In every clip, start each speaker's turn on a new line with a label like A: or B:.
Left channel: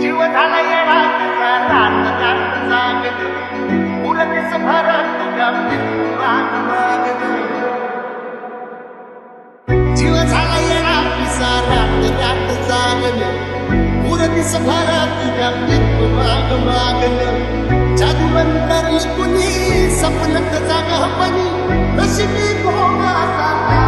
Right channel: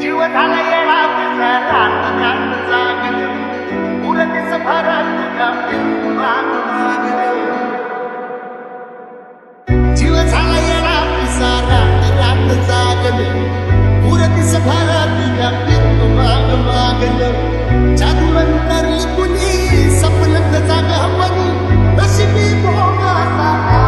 A: जीव झाला येडा पिसा रात रात जागत। उरतीस भरत तुझ्या माग मागत जीव झाला येडा पिसा रात रात जागत। उरतीस भर तुझ्या पिंक माग मागल जादूनंतर कुणी सपनत जाग पणी नशिबी मी भावना मला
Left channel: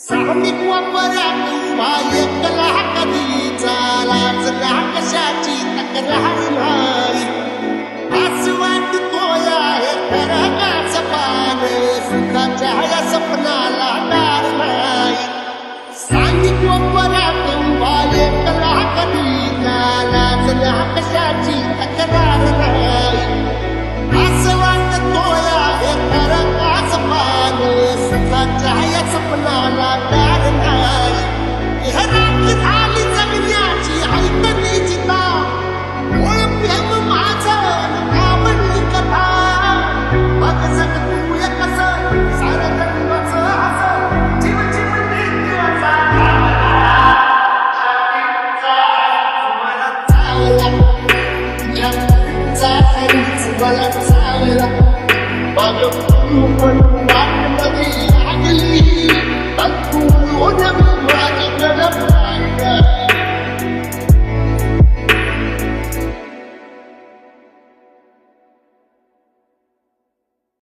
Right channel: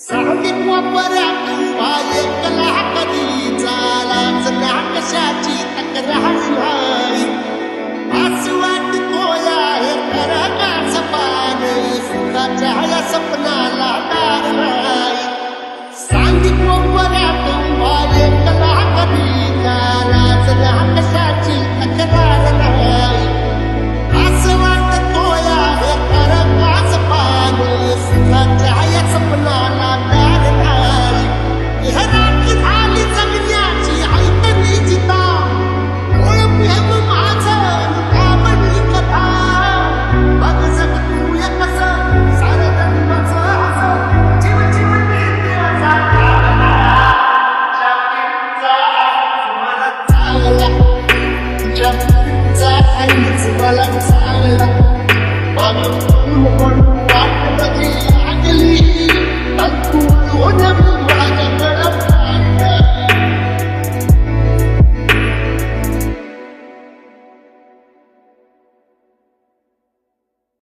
A: साहजिक वापरात उभा एकला कधी चालाच ना कशाची तक्रार नाही असं वाटतो आहे खरं काच पान सुखाच्या या सपनाला दार नाही. सांगी वापरात उभा एकला कधी चालाच ना कशाची तक्रार नाही सुखाच्या सपनाला दार नाही. हे राखी झाली जगण्याची ऐकली जिता. ओळ प्रेम माझं काबडी कथा. बघ जग तू या कस सार जन्मच हस जीव जीव चावला. हरीच मला चावला. would